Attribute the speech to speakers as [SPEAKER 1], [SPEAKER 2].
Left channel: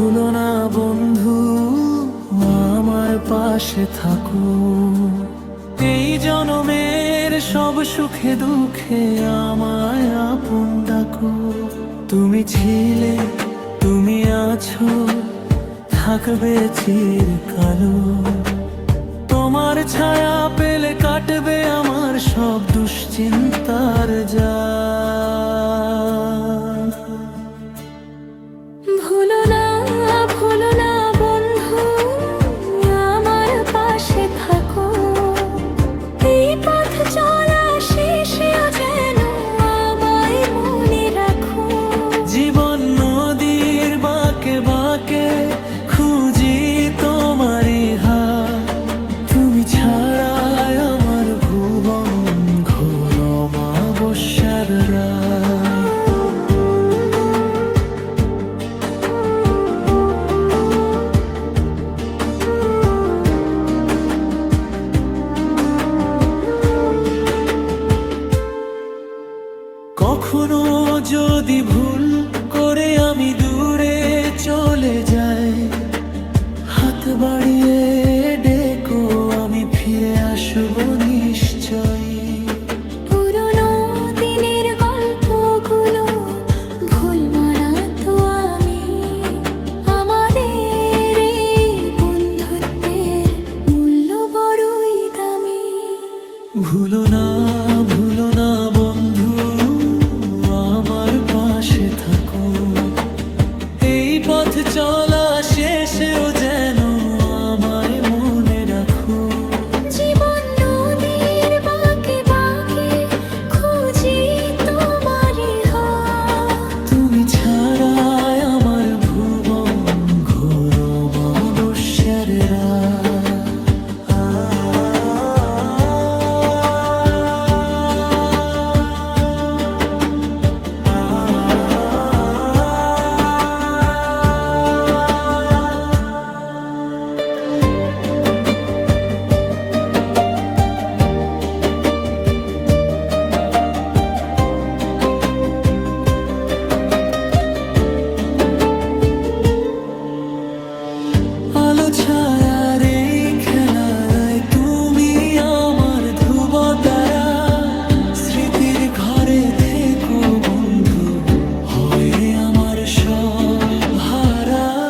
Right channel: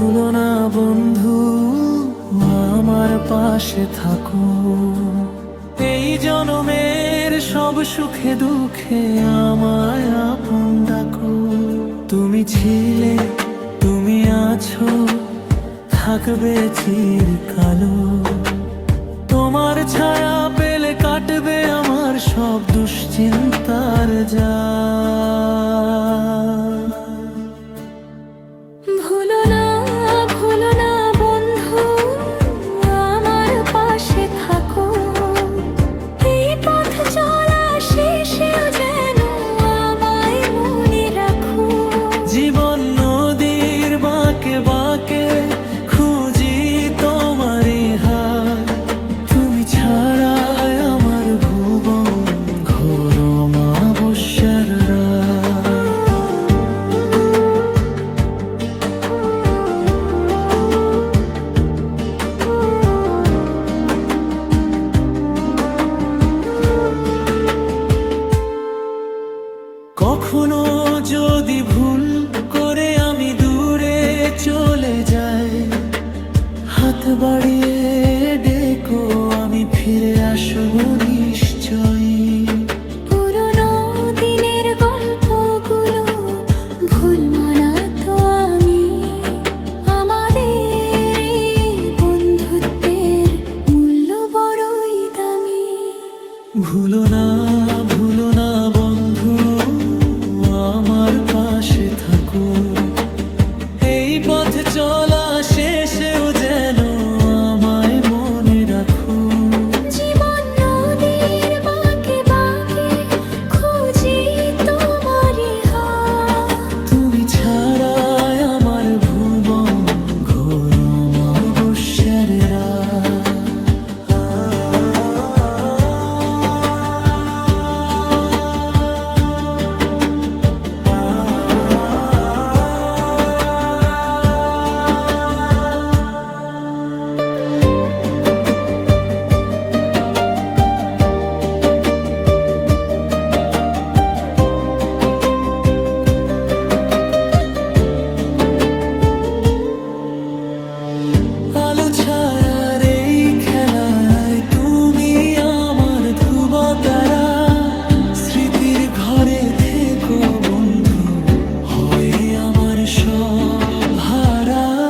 [SPEAKER 1] ভুলো না বন্ধু, আমার পাশে থাকো। এই জনমের সব সুখে দুঃখে আমায় আপন ডাকো। তুমি ছিলে, তুমি আছো, থাকবে চিরকালো তোমার ছায়া পেলে কাটবে আমার সব দুশ্চিন্তার যা জীবন নদীর বাঁকে বাঁকে খুঁজি তোমার হা তুমি ছাড়াই আমার ভুবন ঘোর মা বসার রাত। কখনো যদি ভুল করে আমি দূরে চলে যাই হাত বাড়িয়ে ডেকো আমি ফিরে আসব নিশ্চয়ই।
[SPEAKER 2] পুরনো দিনের গল্পগুলো ভুলবো না তো আমি। আমাদের বন্ধুত্বের মূল্য বড়ই দামি।
[SPEAKER 1] ভুলো না পাশে থাকো। এই পথ চলা শেষেও যেন আমায় মনে রাখো। ছায়ার এই খেলায় তুমি আমার ধ্রুব তারা স্মৃতির ঘরে থেকো বন্ধু, হয়ে আমার সব হারা